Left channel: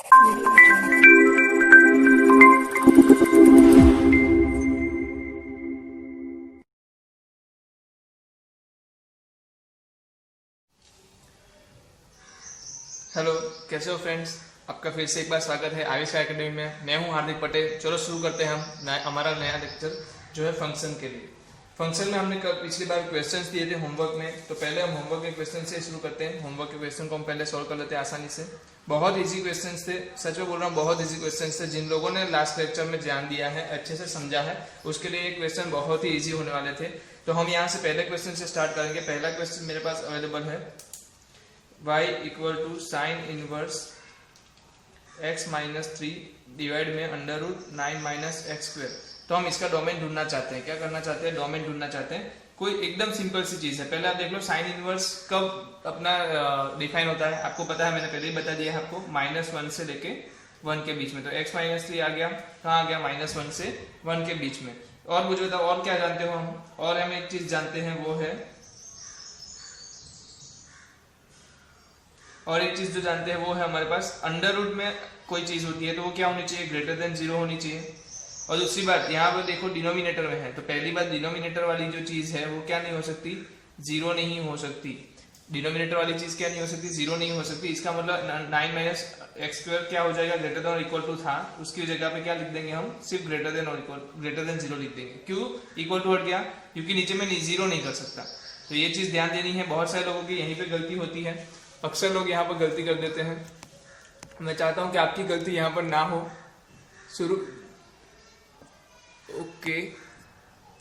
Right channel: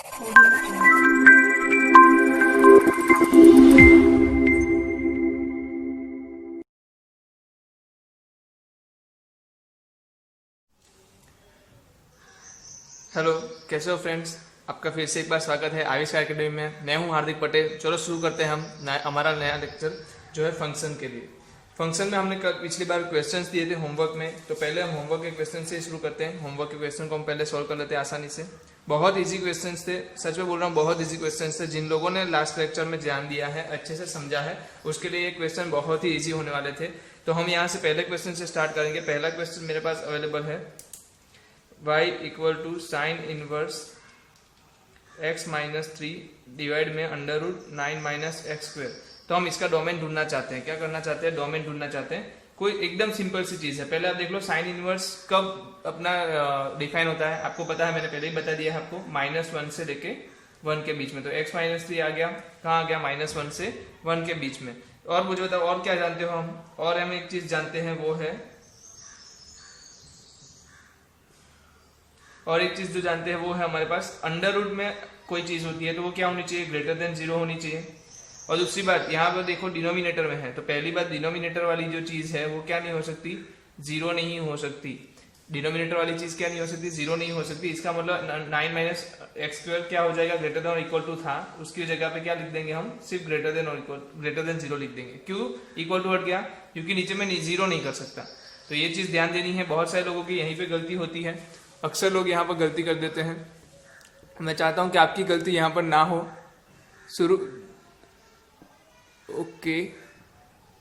Hello, कैसे हो friends. आपका फिर से एक बार स्वागत है आविष्कार एकेडमी में। मैं हूं हार्दिक पटेल। चलो शुरू करते हैं हम हमारा नया लेक्चर जो है फंक्शन के लिए। फंक्शन में हमने पिछली बार क्वेश्चंस दिए थे होमवर्क में, तो पहले हम होमवर्क के क्वेश्चन से शुरू करते हैं। होमवर्क के क्वेश्चन को हम पहले सॉल्व कर लेते हैं आसानी से। बहुत इजी क्वेश्चन थे, सच में बोल रहा हूँ, बहुत इजी क्वेश्चन थे। जिन लोगों ने लास्ट लेक्चर में ध्यान दिया है, अच्छे से समझा है, उसके लिए ये क्वेश्चन बहुत ही ईजी होने वाले थे। तो हम यहाँ से पहले क्वेश्चन से स्टार्ट करेंगे। पहला क्वेश्चन मेरे पास अवेलेबल है, y equal to sine inverse x minus 3 divide में under root 9 minus x square. तो हम इसका डोमेन ढूंढना चाहते हैं। क्या करना चाहते हैं? डोमेन ढूंढना चाहते हैं। कोई एकदम सिंपल सी चीज है। पहले आप देख लो साइन इनवर्स कब अपना डिफाइन होता है। आपको पता है, मैंने पहले ही बता दिया है आपको, -1 से लेके 1 के बीच में। तो x माइनस 3 आ गया, कहाँ आ गया? -1 से 1 के बीच में। और मुझे बताओ और क्या जानते हो हम? और हम एक चीज जानते हैं, वो है, और एक चीज जो जानते हैं वो है हमारे पास अंडर रूट में कोई चीज होती है तो वो क्या होनी चाहिए? ग्रेटर देन 0 होनी चाहिए। और दूसरी बात, यहाँ पर देखो डिनोमिनेटर में है, तो पहली बात, डिनोमिनेटर वाली जो चीज है वो क्या नहीं हो सकती? 0 नहीं हो सकती। डिनोमिनेटर वाली चीज क्या नहीं हो सकती? 0 नहीं हो सकती। इसका मतलब 9 माइनस एक्स स्क्वायर क्या हो जाएगा? ग्रेटर देन और इक्वल टू था, उसकी जगह पे क्या लिख देंगे हम? सिर्फ ग्रेटर देन और इक्वल, ग्रेटर देन 0 लिख देंगे। क्यों इक्वल टू हट गया? क्योंकि नीचे में 0 नहीं कर सकता। तो ये चीज ध्यान देनी है। बहुत सारे लोगों की यहीं पे गलती होती है। अक्सर लोग यहाँ पर गलती कर देते हैं। मैं चाहता हूँ कि आपकी गलती यहाँ पर ना हो। शुरू, ओके,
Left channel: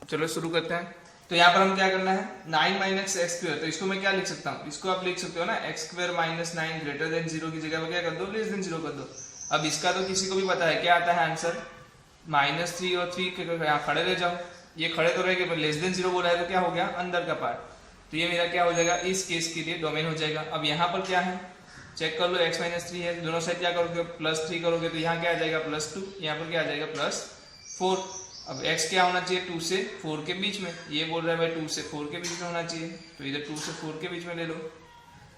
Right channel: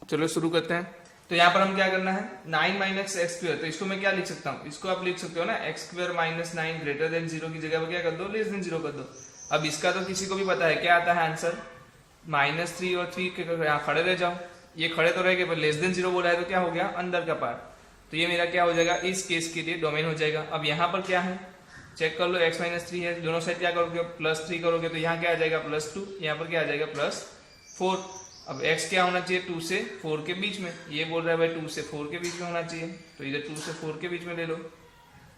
चलो शुरू करते हैं। तो यहाँ पर हम क्या करना है? 9 माइनस एक्स स्क्वायर, तो इसको मैं क्या लिख सकता हूँ? इसको आप लिख सकते हो ना, x square minus 9 greater than 0 की जगह पर क्या कर दो? लेस देन 0 कर दो। अब इसका तो किसी को भी पता है क्या आता है आंसर? -3 और 3 के यहाँ खड़े रह जाओ। ये खड़े तो रहेंगे, पर लेस देन 0 बोला है तो क्या हो गया? अंदर का पार्ट। तो ये मेरा क्या हो जाएगा? इस केस के लिए डोमेन हो जाएगा। अब यहाँ पर क्या है? चेक कर लो, x माइनस 3 है, दोनों साइड क्या करोगे? +3 करोगे, तो यहाँ क्या आ जाएगा? +2, यहाँ पर क्या आ जाएगा? +4। अब x क्या होना चाहिए? 2 से 4 के बीच में। ये बोल रहा है भाई 2 से 4 के बीच में होना चाहिए, तो इधर 2 से 4 के बीच में ले लो।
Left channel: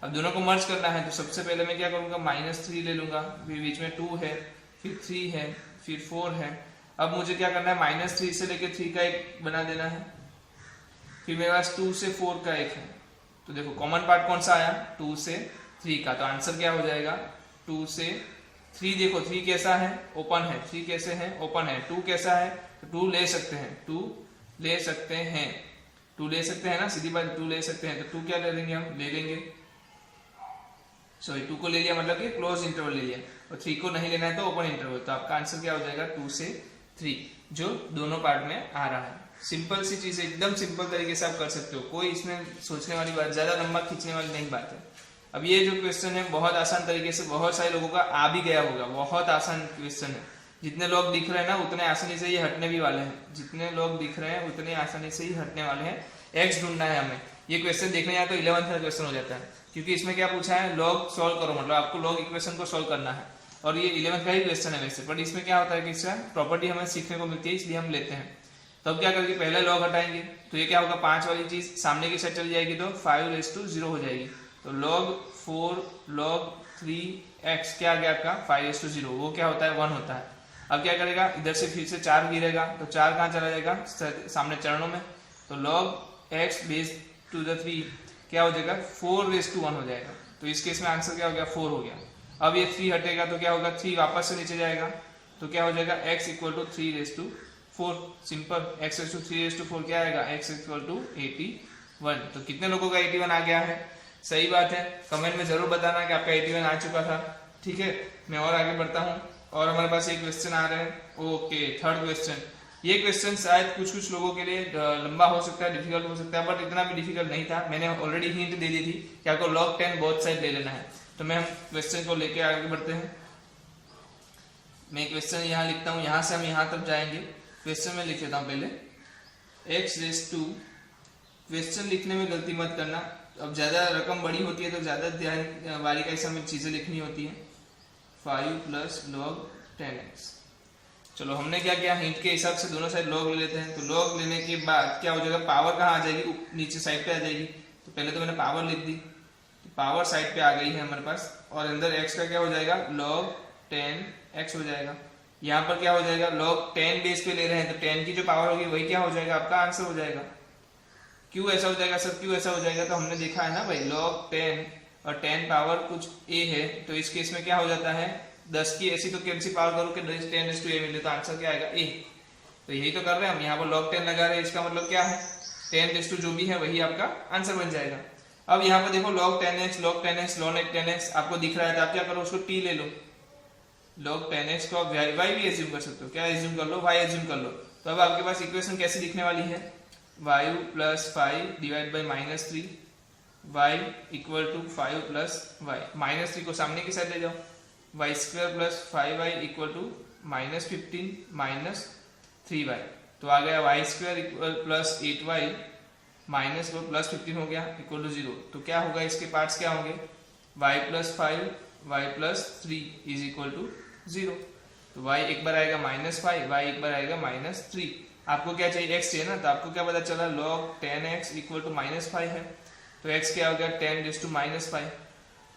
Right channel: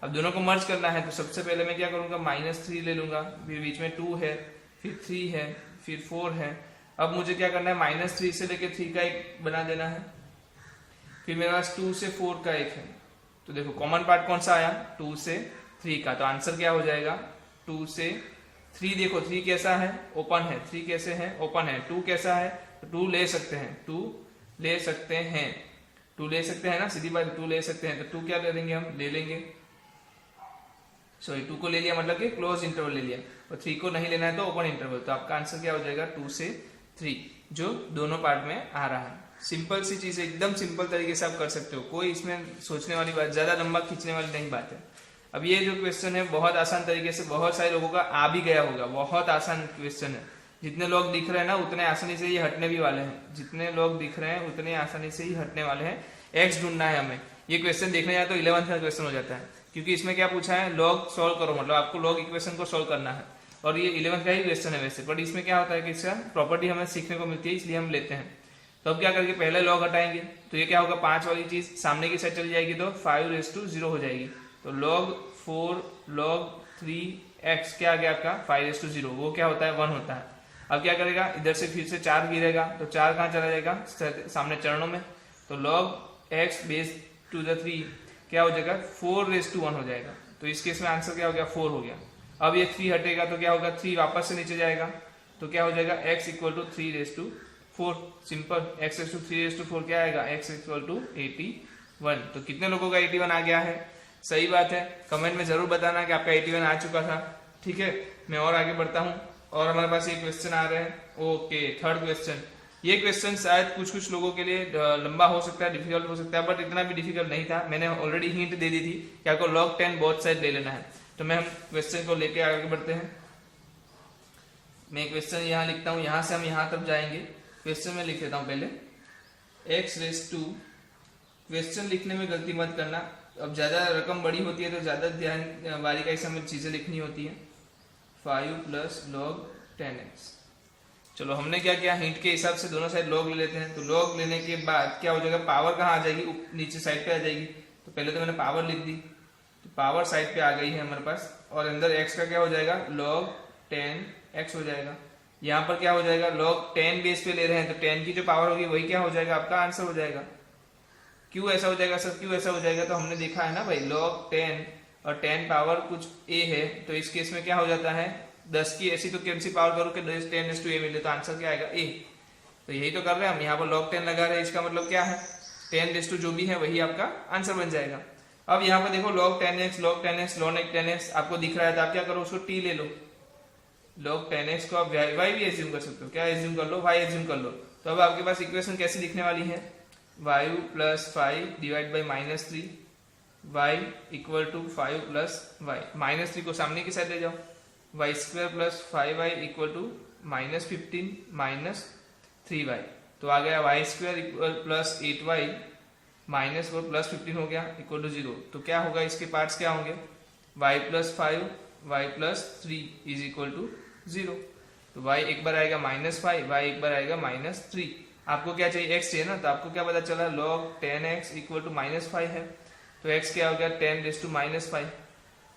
अब दोनों को मर्ज करना है, तो सबसे पहले मैं क्या करूँगा? -3 ले लूँगा, फिर बीच में 2 है, फिर 3 है, फिर 4 है। अब मुझे क्या करना है? -3 से लेके 3 का एक बना देना है, फिर मेरे पास 2 से 4 का एक है। तो देखो कॉमन पार्ट कौन सा आया? 2 से 3 का। तो आंसर क्या हो जाएगा? 2 से 3। देखो 3 कैसा है? ओपन है। 3 कैसे है? ओपन है। 2 कैसा है? 2 ले सकते हैं, 2 ले सकते हैं, 2 ले सकते हैं ना, सीधी बात, 2 ले सकते हैं। तो 2 क्या ले लेंगे हम? ले लेंगे, सॉरी 2 को ले लिया मतलब कि क्लोज इंटरवल ले लिया, और 3 को नहीं लेना है तो ओपन इंटरवल। तो आपका आंसर क्या हो जाएगा? 2 से 3, जो दोनों पार्ट में आ रहा है। सिंपल सी चीज, एकदम सिंपल तरीके से आप कर सकते हो। कोई इसमें सोचने वाली बात, ज्यादा लंबा खींचने वाली नहीं बात है। अब ये जो क्वेश्चन है बहुत आसान तरीके से बहुत सारे लोगों का आ भी गया होगा। बहुत आसान क्वेश्चन है। जितने लोग दिख रहे हैं ना, उतने आसानी से ये हटने भी वाले हैं। जितने लोग दिख रहे हैं उतने आसानी से ही हटने वाले हैं। एक्स ढूंढना है हमें। ये क्वेश्चन देखने जाए तो 11th का क्वेश्चन हो जाता है, क्योंकि इसमें क्या पूछा है? लॉग सॉल्व करो, मतलब आपको लॉग इक्वेशन को सॉल्व करना है। और ये 11th का ही क्वेश्चन है वैसे, बट इसमें क्या होता है कि इसका प्रॉपर्टी हमें सीखने को मिलती है, इसलिए हम लेते हैं। तो अब क्या करके पहले लॉग हटाएंगे, तो ये क्या होगा? 5 वाली चीज सामने की साइड चली जाएगी, तो 5 हो जाएगी। तो log 4 log 3x क्या आ गया आपका? 5 वो क्या होता है? 1 होता है। अब क्या करेगा? इधर से फिर से 4 गिरेगा, तो 4 कहाँ चला जाएगा? सामने चरणों में। तो log x base to the 3 क्या हो जाएगा? 4 हो जाएगा। तो इस केस में आंसर क्या हो गया? 4 हो गया। अब ये 3 हटेगा तो क्या होगा? 3 वापस से नीचे जाएगा, तो क्या हो जाएगा? x equal to 3/4। Simple, x equal to 3/4 क्या आएगा? x equal to 81। तो कितने लोगों का 81 आ गया है? सही बात है। कमेंट में जरूर बताना कि आपका 81 आ चुका था। ठीक है, मैं और आगे बढ़ता हूँ। और हमारे पास ये क्वेश्चन आ रहे हैं। Okay, third question. ये क्वेश्चन शायद कुछ लोगों के लिए लंबा हो सकता है, डिफिकल्ट हो सकता है, बट इतना भी डिफिकल्ट नहीं था। मैंने ऑलरेडी हिंट दे दी थी कि आपको log 10 बोथ साइड ले लेना है। तो मैं हम क्वेश्चन को लेके आगे बढ़ते हैं। मैं क्वेश्चन यहाँ लिखता हूँ, यहाँ से हम यहाँ तक जाएंगे। क्वेश्चन में लिख लेता हूँ पहले, x⁻²। क्वेश्चन लिखने में गलती मत करना। अब ज़्यादा रकम बड़ी होती है तो ज़्यादा ध्यान बारीकाई से हमें चीज़ें लिखनी होती हैं। 5 + log 10x। चलो हमने क्या किया? हिंट के हिसाब से दोनों साइड log ले लेते हैं। तो log लेने के बाद क्या हो जाएगा? पावर कहाँ आ जाएगी? नीचे साइड पे आ जाएगी। तो पहले तो मैंने पावर लिख दी, तो पावर साइड पे आ गई है हमारे पास। और अंदर x का क्या हो जाएगा? log 10x हो जाएगा। यहाँ पर क्या हो जाएगा, log 10 बेस पे ले रहे हैं तो 10 की जो पावर होगी वही क्या हो जाएगा, आपका आंसर हो जाएगा। क्यों ऐसा हो जाएगा सर, क्यों ऐसा हो जाएगा, तो हमने देखा है ना भाई, log 10 और 10 पावर कुछ a है, तो इस केस में क्या हो जाता है, 10 की ऐसी तो कैसी पावर करो कि 10 मिले, तो आंसर क्या आएगा, a। तो यही तो कर रहे हैं हम, यहाँ पर log 10 लगा रहे हैं, इसका मतलब क्या है, 10 जो भी है वही आपका आंसर बन जाएगा। अब यहाँ पर देखो log 10x log 10x log 10x आपको दिख रहा है, तो आप क्या करो, उसको t ले लो, log 10x को आप y भी एज्यूम कर सकते हो, क्या एज्यूम कर लो, y एज्यूम कर लो। तो अब आपके पास इक्वेशन कैसी दिखने वाली है, y plus 5 divide by -3 y equal to 5 plus y, -3 को सामने की साइड ले जाओ, y square plus 5y equal to -15 minus 3y, तो आ गया y square equal plus 8y minus वो प्लस 15 हो गया इक्वल टू 0। तो क्या होगा, इसके पार्ट्स क्या होंगे, y plus 5 y plus 3 is equal to 0। तो y एक बार आएगा -5, y एक बार आएगा -3। आपको क्या चाहिए, x चाहिए ना, तो आपको क्या पता चला, log 10x इक्वल टू -5 है, तो x क्या हो गया, 10⁻⁻5।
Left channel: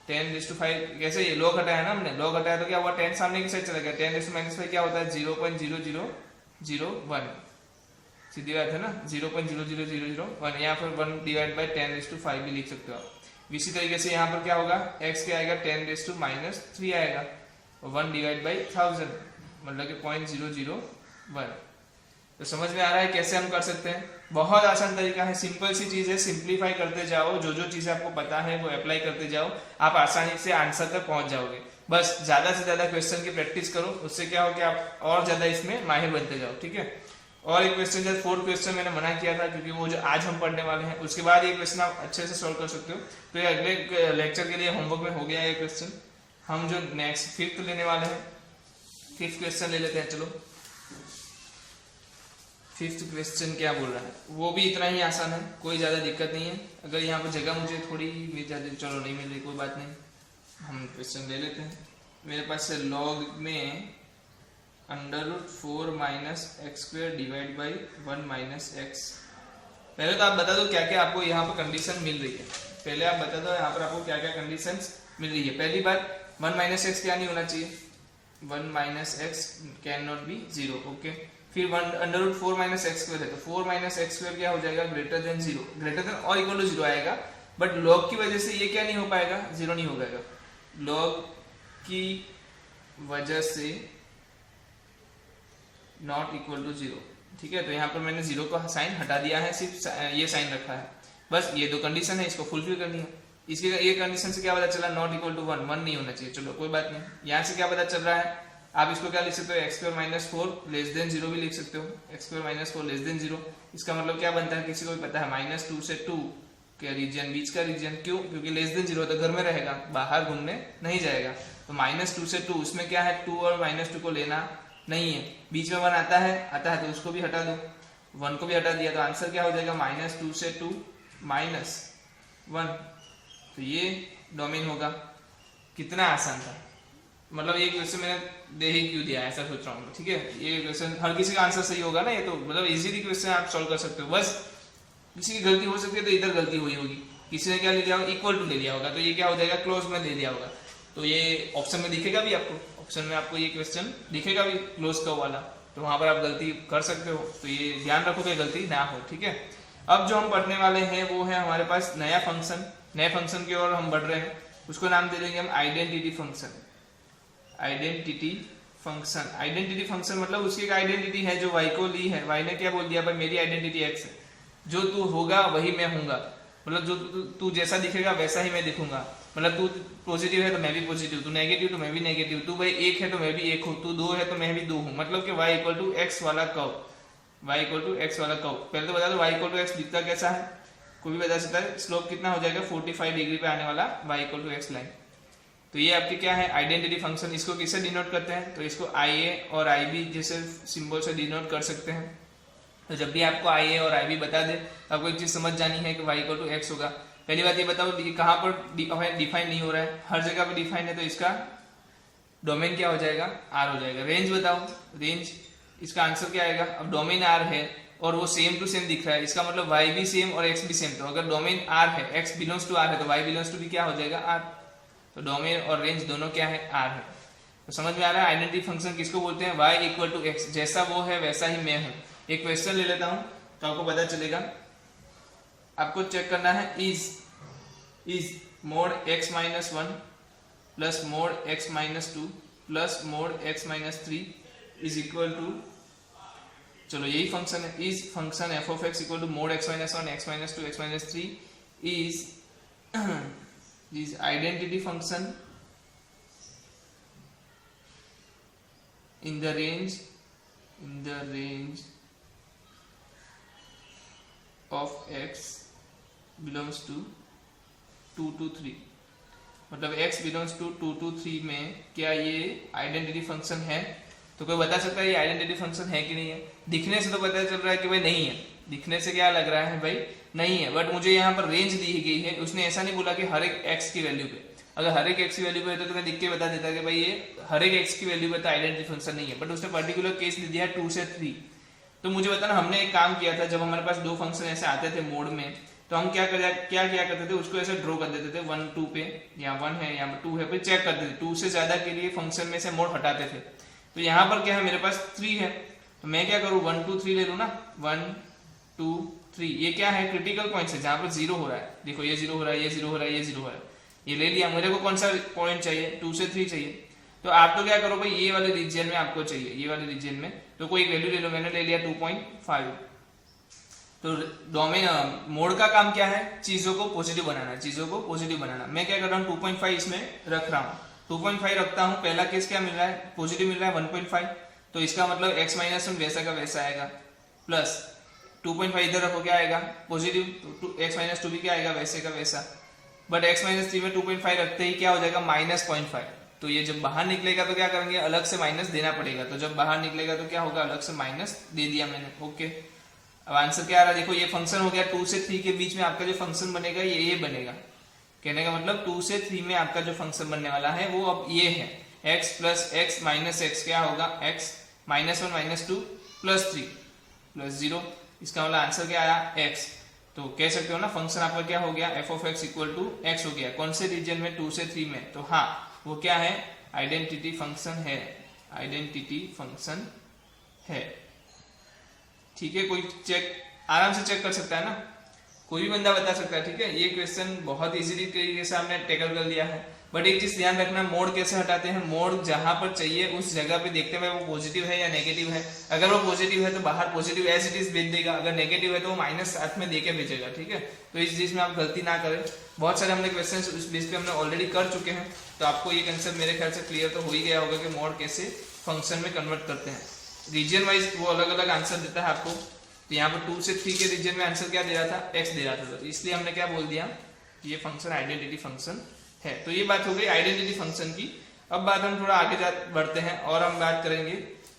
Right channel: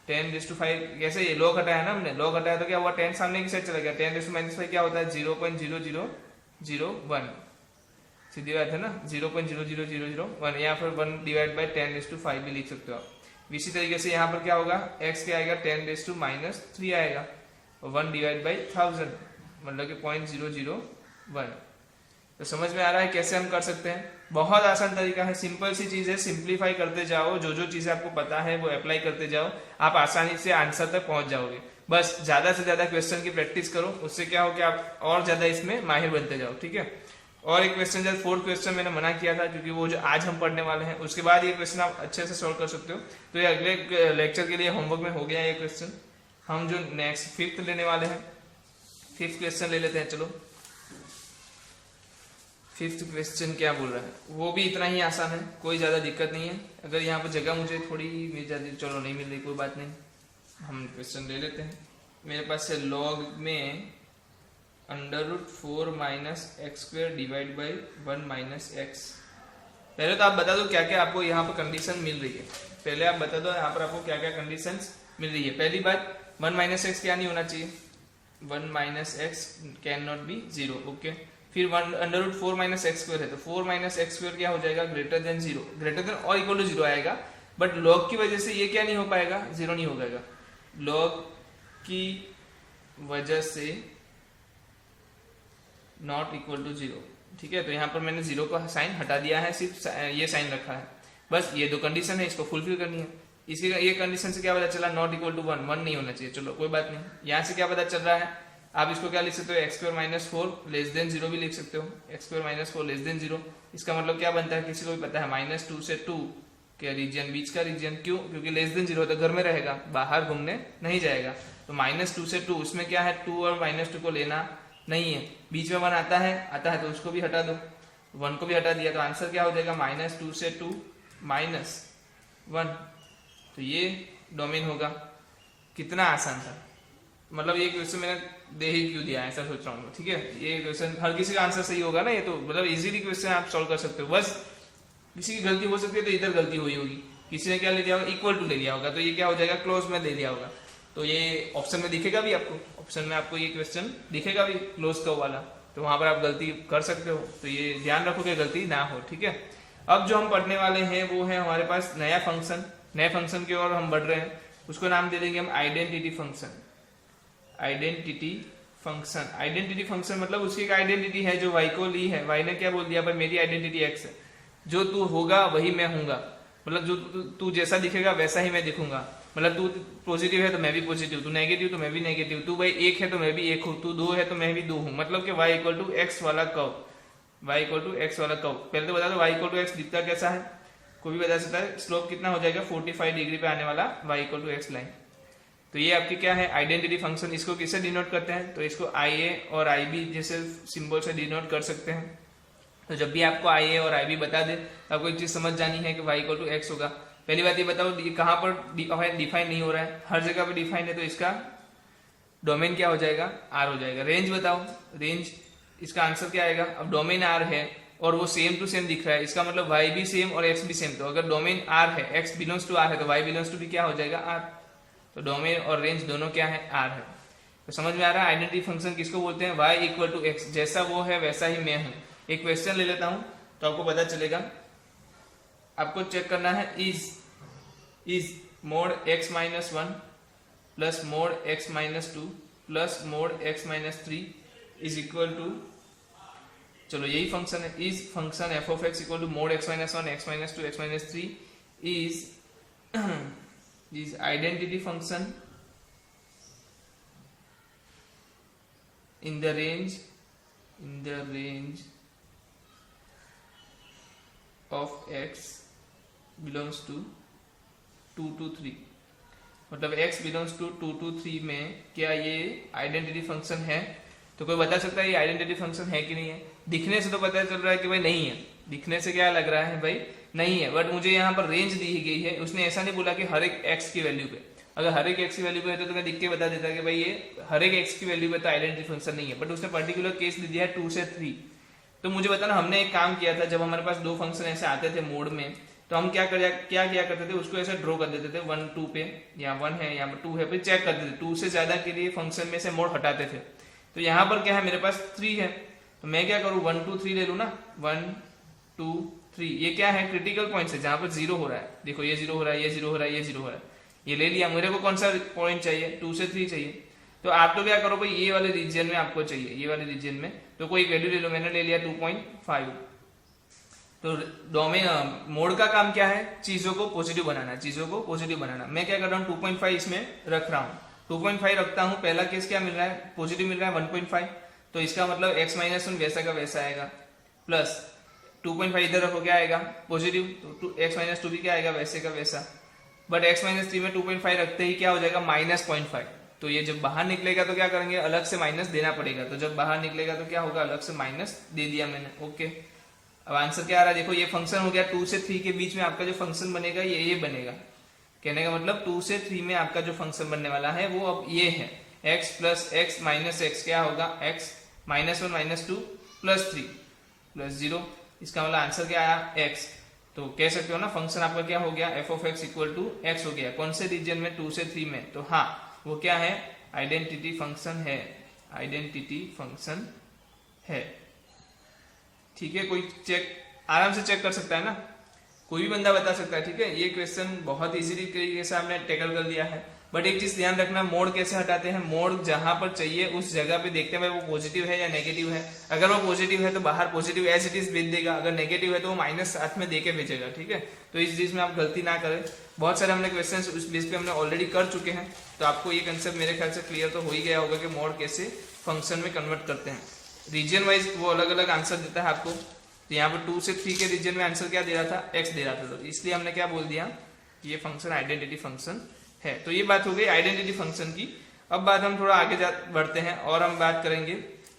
10⁻5 कैसे, ये log हटाया ना हमने, log हटाया तो क्या हुआ, 10 सामने की साइड चला गया, 10⁻⁻5 क्या होता है, 0.0001, सीधी बात है ना, 0.00001, या फिर 1 डिवाइड बाई 10⁻5 भी लिख सकते हो आप। इसी तरीके से यहाँ पर क्या होगा, x क्या आएगा, 10⁻³ आएगा, और 1 डिवाइड बाई 1000 मतलब कि 0.001। तो समझ में आ रहा है कैसे हम कर सकते हैं, बहुत आसान तरीका है, सिंपल सी चीज है, सिंप्लीफाई करते जाओ, जो जो चीजें आपको पता है वो अप्लाई करते जाओ, आप आसानी से आंसर तक पहुंच जाओगे। बस ज्यादा से ज्यादा क्वेश्चन की प्रैक्टिस करो, उससे क्या हो कि आप और ज्यादा इसमें माहिर बनते जाओ, ठीक है। और एक क्वेश्चन, जब 4th क्वेश्चन मैंने मना किया था, क्योंकि वो जो आज हम पढ़ने वाले हैं उसके बाद ये क्वेश्चन आप अच्छे से सॉल्व कर सकते हो, तो ये अगले लेक्चर के लिए होमवर्क में हो गया ये क्वेश्चन। हम जो नेक्स्ट 5th लेने वाले हैं, 5th क्वेश्चन ले लेते हैं, चलो 5th क्वेश्चन क्या बोल रहा है, वो भी इतना ही आसान है, कोई ज़्यादा दिक्कत नहीं है। अगर यहाँ पर जगह मुझे थोड़ी मिल जाती, चलो नहीं मिल रही कोई बात नहीं, हम क्वेश्चन ले लेते हैं। मेरे पास है log में √4 - x² डिवाइड बाई 1 - x। पहले तो आप बता दो क्या क्या आपको यहाँ पर कंडीशन मिल रही है, पहले आप बता दो यहाँ पर आपको क्या क्या कंडीशन मिल रही है। पहली बात, 1 - x क्या नहीं होना चाहिए, 1 - x can not be 0, okay. फिर 1 √4 - x² है, तो 4 - x² क्या हो जाएगा, ग्रेटर देन 0, ग्रेटर देन और इक्वल टू 0 आएगा, बट log की वजह से ये क्या नहीं हो पाएगा, 0 नहीं हो पाएगा, log की वजह से नॉट इक्वल टू 0, ठीक है। तो यहाँ पर मैंने 0 का साइन हटा दिया है, सिर्फ ये साइन रखा है, बस ये दो कंडीशन है, इसको फुलफिल करनी है। इसके ये कंडीशन से क्या पता चला, नॉट इक्वल टू 1, 1 नहीं होना चाहिए, चलो कोई बात नहीं। यहाँ से क्या पता चल रहा है, आप इसको क्या लिख सकते हो, x² - 4 लेस देन 0 भी लिख सकते हो, x² - 4 लेस देन 0। इसका मतलब क्या बनता है, किसी को भी पता है, -2 से 2 के रीजन, बीच का रीजन, क्यों, क्योंकि लेस देन 0 तो घर में रहेगा, बाहर घूमने नहीं जाएगा, तो -2 से 2, उसमें क्या है, 2 और -2 को लेना नहीं है, बीच में 1 आता है तो उसको भी हटा दो, 1 को भी हटा दिया, तो आंसर क्या हो जाएगा, -2 से 2 -1। तो ये डोमेन होगा। कितना आसान था, मतलब ये क्वेश्चन मैंने दे ही क्यों दिया, ऐसा सोच रहा हूँ, ठीक है। ये क्वेश्चन हर किसी का आंसर सही होगा ना, ये तो मतलब इजीली क्वेश्चन आप सॉल्व कर सकते हो, बस किसी की गलती हो सकती है, तो इधर गलती हुई होगी, किसी ने क्या ले लिया होगा, इक्वल टू ले लिया होगा, तो ये क्या हो जाएगा, क्लोज में ले लिया होगा, तो ये ऑप्शन में दिखेगा भी आपको, ऑप्शन में आपको ये क्वेश्चन दिखेगा भी क्लोज का वाला, तो वहां पर आप गलती कर सकते हो, तो ये ध्यान रखो कि गलती ना हो, ठीक है। अब जो हम पढ़ने वाले हैं वो है हमारे पास नया फंक्शन, नए फंक्शन की ओर हम बढ़ रहे हैं, उसको नाम दे देंगे हम identity function. Identity function, identity function मतलब उसकी एक आइडेंटिटी है जो y को ली है, y ने क्या बोल दिया, भाई मेरी आइडेंटिटी x है, जो तू होगा वही मैं हूंगा, मतलब जो तू जैसा दिखेगा वैसा ही मैं दिखूंगा, मतलब तू पॉजिटिव है तो मैं भी पॉजिटिव, तू नेगेटिव तो मैं भी नेगेटिव, तू भाई 1 है तो मैं भी 1 हूँ, तू 2 है तो मैं भी 2 हूँ, मतलब कि y = x वाला कर्व, y = x वाला कर्व। पहले तो बता दो y = x दिखता कैसा है, कोई भी बता सकता है, स्लोप कितना हो जाएगा, 45 डिग्री पे आने वाला y = x लाइन। तो ये आपकी क्या है, आइडेंटिटी फंक्शन। इसको किससे डिनोट करते हैं, तो इसको IA और IB जैसे सिंबल से डिनोट कर सकते हैं। तो जब भी आपको IA और IB बता दे, आपको एक चीज समझ जानी है कि y = x होगा। पहली बात ये बताओ, कहाँ पर डिफाइन नहीं हो रहा है, हर जगह पे डिफाइन है, तो इसका डोमेन क्या हो जाएगा, R हो जाएगा। रेंज बताओ, रेंज इसका आंसर क्या आएगा, अब डोमेन R है और वो सेम टू सेम दिख रहा है, इसका मतलब y भी सेम और x भी सेम, तो अगर डोमेन R है, x बिलोंग्स टू R है, तो y बिलोंग्स टू भी क्या हो जाएगा, R। तो डोमेन और रेंज दोनों क्या है, R है। तो समझ में आ रहा है आइडेंटिटी फंक्शन किसको बोलते हैं, y इक्वल टू एक्स, जैसा वो है वैसा ही मैं हूं। एक क्वेश्चन ले लेता हूं तो आपको पता चलेगा। आपको चेक करना है is mod x minus 1 plus mod x minus 2 plus mod x minus 3 is equal to, चलो यही फंक्शन है, is function F of X equal to mod x minus 1 x minus 2 x minus 3 is identity function in the range of x belongs to 2 to 3, मतलब x belongs to 2 to 3 में क्या ये identity function है? तो कोई बता सकता है ये आइडेंटिटी फंक्शन है कि नहीं है? दिखने से तो पता चल रहा है कि भाई नहीं है, दिखने से क्या लग रहा है भाई नहीं है, बट मुझे यहाँ पर रेंज दी गई है, उसने ऐसा नहीं बोला कि हर एक x की वैल्यू पे, अगर हर एक x की वैल्यू पे है तो मैं लिख के बता देता कि भाई ये हर एक x की वैल्यू पे तो आइडेंटिटी फंक्शन नहीं है, बट उसने पर्टिकुलर केस दे दिया है 2 से 3। तो मुझे बताना, हमने एक काम किया था, जब हमारे पास दो फंक्शन ऐसे आते थे मोड में, तो हम क्या किया करते थे, उसको ऐसे ड्रॉ कर देते थे 1 2 पे, या 1 है या 2 है, फिर चेक करते थे, 2 से ज्यादा के लिए फंक्शन में से मोड हटाते थे। तो यहाँ पर क्या है, मेरे पास 3 है, तो मैं क्या करूँ 1 2 3 ले लूँ ना, 1 2 3, ये क्या है क्रिटिकल पॉइंट है जहाँ पर 0 हो रहा है, देखो ये 0 हो रहा है, ये 0 हो रहा है, ये 0 हो रहा है, ये ले लिया। मेरे को कौन सा पॉइंट चाहिए, 2 से 3 चाहिए, तो आप तो क्या करो भाई ये वाले रीजन में आपको चाहिए, ये वाले रीजन में, तो कोई वैल्यू ले लो, मैंने ले लिया 2.5। तो डोमेन मोड का काम क्या है, चीजों को पॉजिटिव बनाना, चीजों को पॉजिटिव बनाना। मैं क्या कर रहा हूँ 2.5 इसमें रख रहा हूँ, 2.5 रखता हूँ, पहला केस क्या मिल रहा है, पॉजिटिव मिल रहा है 1.5, तो इसका मतलब x माइनस 1 वैसा का वैसा आएगा, प्लस 2.5 इधर रखो क्या आएगा पॉजिटिव, तो x माइनस 2 भी क्या आएगा वैसे का वैसा, बट x माइनस 3 में 2.5 रखते ही क्या हो जाएगा -0.5। तो ये जब बाहर निकलेगा तो क्या करेंगे, अलग से माइनस देना पड़ेगा, तो जब बाहर निकलेगा तो क्या होगा, अलग से माइनस दे दिया मैंने। ओके, अब आंसर क्या आ रहा है, देखो ये फंक्शन हो गया 2 से 3 के बीच में आपका जो फंक्शन बनेगा ये बनेगा, कहने का मतलब 2 से 3 में आपका जो फंक्शन बनने वाला है वो अब ये है, x plus x minus x क्या होगा, x -1 -2 प्लस 3 प्लस 0, इसका मतलब आंसर क्या आया x। तो कह सकते हो ना फंक्शन आपका क्या हो गया, F of X equal to X हो गया, कौन से रीजन में, 2 से 3 में, तो हाँ वो क्या है, आइडेंटिटी फंक्शन है, आइडेंटिटी फंक्शन है। ठीक है, कोई चेक आराम से चेक कर सकता है ना, कोई भी बंदा बता सकता है। ठीक है, ये क्वेश्चन बहुत इजीली तरीके से आपने टैकल कर लिया है, बट एक चीज ध्यान रखना, मोड कैसे हटाते हैं, मोड जहां पर चाहिए उस जगह पे देखते हैं वो पॉजिटिव है या नेगेटिव है, अगर वो पॉजिटिव है तो बाहर पॉजिटिव एज इट इज भेज देगा, अगर नेगेटिव है तो वो माइनस साथ में देके भेजेगा। ठीक है, तो इस चीज में आप गलती ना करें, बहुत सारे हमने क्वेश्चन उस बेस पे हमने ऑलरेडी कर चुके हैं, तो आपको ये कंसेप्ट मेरे ख्याल से क्लियर तो हो ही गया होगा कि मोड कैसे फंक्शन में कन्वर्ट करते हैं। रीजन वाइज वो अलग अलग आंसर देता है आपको, तो यहाँ पर 2 से 3 के रीजन में आंसर क्या दे रहा था, एक्स दे रहा था, तो इसलिए हमने क्या बोल दिया कि ये फंक्शन आइडेंटिटी फंक्शन है। तो ये बात हो गई आइडेंटिटी फंक्शन की। अब बात हम थोड़ा आगे बढ़ते हैं और हम बात करेंगे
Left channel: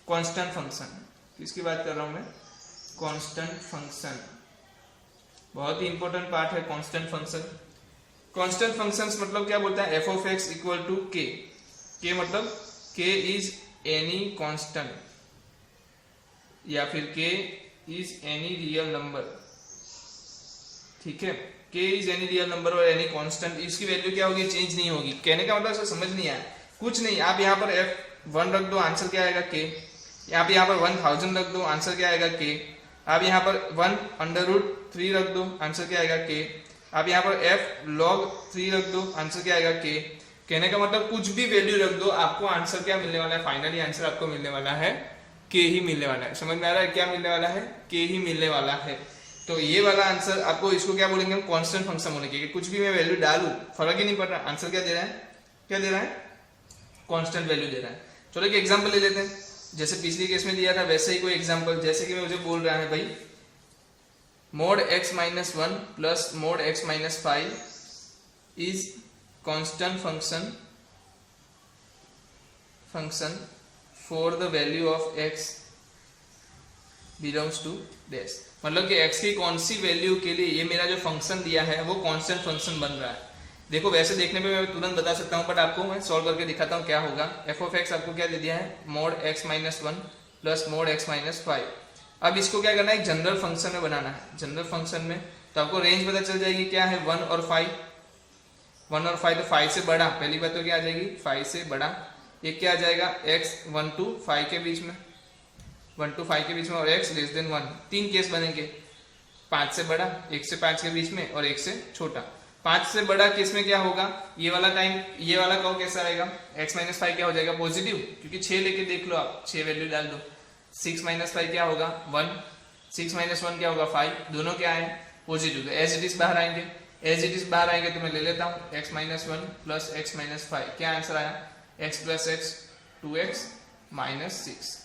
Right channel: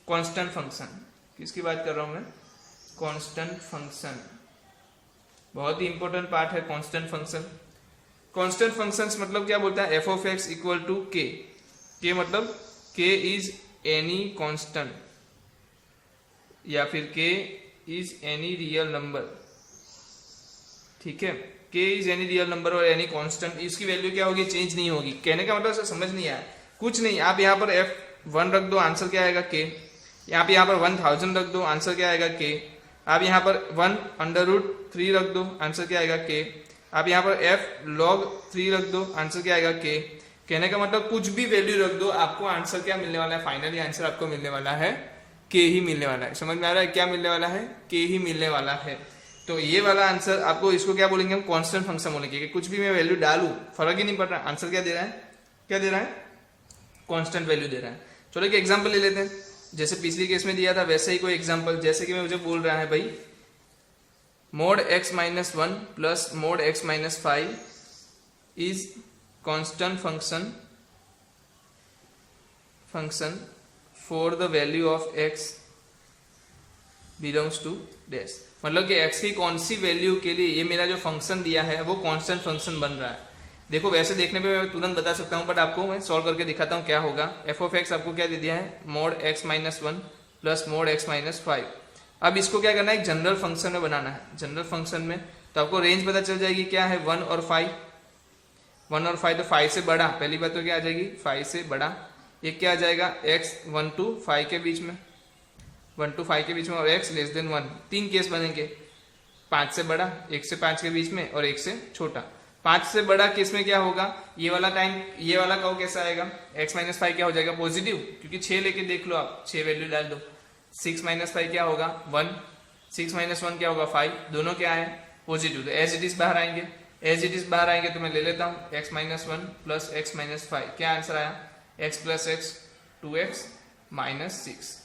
कांस्टेंट फंक्शन। किसकी बात कर रहा हूं मैं, कांस्टेंट फंक्शन, बहुत ही इंपॉर्टेंट पार्ट है कांस्टेंट फंक्शन। कांस्टेंट फंक्शंस मतलब क्या बोलता है, F of X equal to K मतलब के इज एनी कांस्टेंट या फिर के इज एनी रियल नंबर। ठीक है, k is any real number और एनी कांस्टेंट, इसकी वैल्यू क्या होगी, चेंज नहीं होगी। कहने का मतलब समझ नहीं आया, कुछ नहीं, आप यहाँ पर f1 रख दो, आंसर क्या आएगा k, आप यहाँ पर 1000 रख दो, आंसर क्या आएगा k, आप यहाँ पर 1/√3 रख दो, आंसर क्या आएगा k, आप यहाँ पर f log 3 रख दो, आंसर क्या आएगा k। कहने का मतलब कुछ भी वैल्यू रख दो, आपको आंसर क्या मिलने वाला है, फाइनली आंसर आपको मिलने वाला है k ही मिलने वाला है। समझ में आ रहा है, क्या मिलने वाला है, k ही मिलने वाला है। तो ये वाला आंसर आपको, इसको क्या बोलेंगे हम, कांस्टेंट फंक्शन होने के, कुछ भी मैं वैल्यू डालूं फर्क ही नहीं पड़ रहा, आंसर क्या दे रहा है, क्या दे रहा है, कांस्टेंट वैल्यू दे रहा है। चलो एक एग्जांपल ले लेते हैं, जैसे पिछली केस में दिया था वैसे ही कोई एग्जांपल, जैसे कि मुझे बोल रहा है भाई mod x minus 1 plus mod x minus 5 is constant function for the value of x belongs to dash, मतलब कि x की कौन सी वैल्यू के लिए ये मेरा जो फंक्शन दिया है वो कांस्टेंट फंक्शन बन रहा है। देखो वैसे देखने पे मैं तुरंत बता सकता हूँ, बट आपको मैं सॉल्व करके दिखाता हूँ क्या होगा। एफ ऑफ एक्स आपको क्या दे दिया है, mode x minus 1 plus mod x minus 5। अब इसको क्या करना है, एक जनरल फंक्शन में बनाना है। जनरल फंक्शन में तो आपको रेंज पता चल जाएगी, क्या है 1 और 5, 1 और 5, तो 5 से बड़ा, पहली बात तो क्या आ जाएगी 5 से बड़ा, ये क्या आ जाएगा x 1 to 5 के बीच में, 1 to 5 के बीच में और x लेस देन 1। तीन केस बनेंगे, 5 से बड़ा, 1 से 5 के बीच में और 1 से छोटा। 5 से बड़ा केस में क्या होगा, ये वाला टाइम, ये वाला कर्व कैसा आएगा, x माइनस 5 क्या हो जाएगा पॉजिटिव, क्योंकि 6 लेके देख लो आप, 6 वैल्यू डाल दो। 6 माइनस 5 क्या होगा 1, 6 माइनस 1 क्या होगा 5, दोनों क्या है पॉजिटिव, तो एज इट इज बाहर आएंगे। एज इट इज बाहर आएंगे तो मैं ले लेता हूँ x minus 1 plus x minus 5, क्या आंसर आया x plus x 2x minus 6।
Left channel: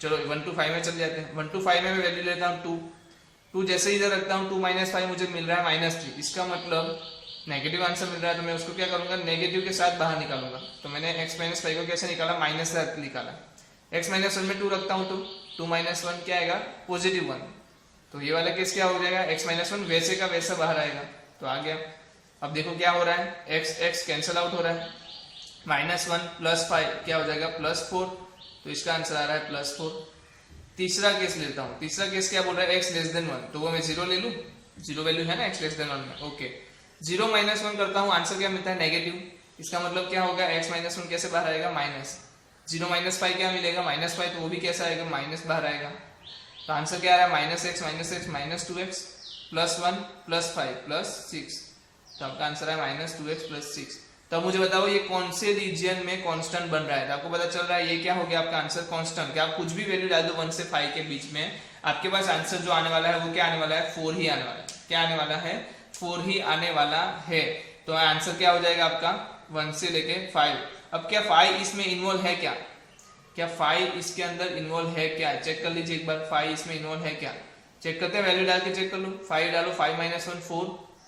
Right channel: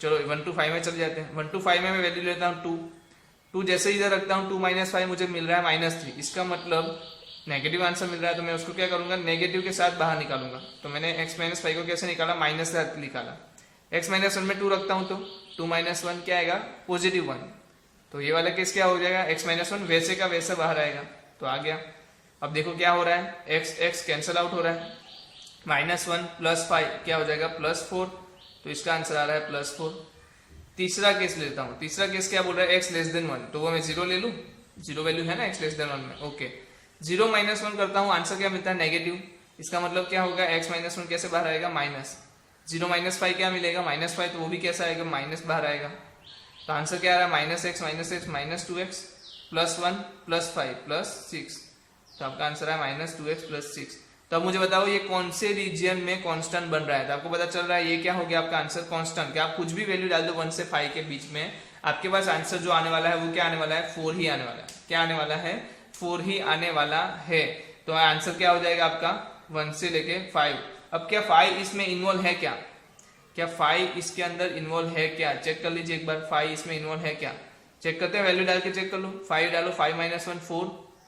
चलो 1 to 5 में चल जाते हैं। 1 to 5 में मैं वैल्यू लेता हूँ 2 जैसे ही इधर रखता हूँ 2 माइनस 5 मुझे मिल रहा है माइनस 3, इसका मतलब नेगेटिव आंसर मिल रहा है, तो मैं उसको क्या करूंगा नेगेटिव के साथ बाहर निकालूंगा। तो मैंने x माइनस 5 को कैसे निकाला, माइनस से निकाला। x माइनस 1 में 2 रखता हूँ तो 2 माइनस 1 क्या आएगा पॉजिटिव 1, तो ये वाला केस क्या हो जाएगा x माइनस 1 वैसे का वैसा बाहर आएगा, तो आ गया। अब देखो क्या हो रहा है, x कैंसिल आउट हो रहा है, माइनस 1 प्लस 5 क्या हो जाएगा प्लस 4, तो इसका आंसर आ रहा है प्लस 4। तीसरा केस लेता हूँ, तीसरा केस क्या बोल रहा है x लेस देन 1, तो वो मैं 0 ले लूँ, 0 वैल्यू है ना x लेस देन 1 में, ओके। 0 माइनस 1 करता हूँ, आंसर क्या मिलता है नेगेटिव, इसका मतलब क्या होगा x माइनस 1 कैसे बाहर आएगा माइनस, 0 माइनस 5 क्या मिलेगा माइनस 5, तो वो भी कैसा आएगा माइनस बाहर आएगा, तो आंसर क्या आ रहा है minus x minus 2x plus 1 plus 5 plus 6, तो आपका आंसर है माइनस 2x प्लस 6। तो अब मुझे बताओ ये कौन से रीजन में कांस्टेंट बन रहा है, तो आपको पता चल रहा है ये क्या हो गया आपका आंसर कांस्टेंट। क्या आप कुछ भी वैल्यू डाल दो 1 से 5 के बीच में, आपके पास आंसर जो आने वाला है वो क्या आने वाला है 4 ही आने वाला है, क्या आने वाला है 4 ही आने वाला है। तो आंसर क्या हो जाएगा आपका 1 से लेके 5। अब क्या 5 इसमें इन्वॉल्व है क्या 5 इसके अंदर इन्वॉल्व है क्या, चेक कर लीजिए एक बार 5 इसमें इन्वॉल्व है क्या, चेक करते हैं, वैल्यू डाल के चेक कर लो। 5 डालो, 5 माइनस 1 4,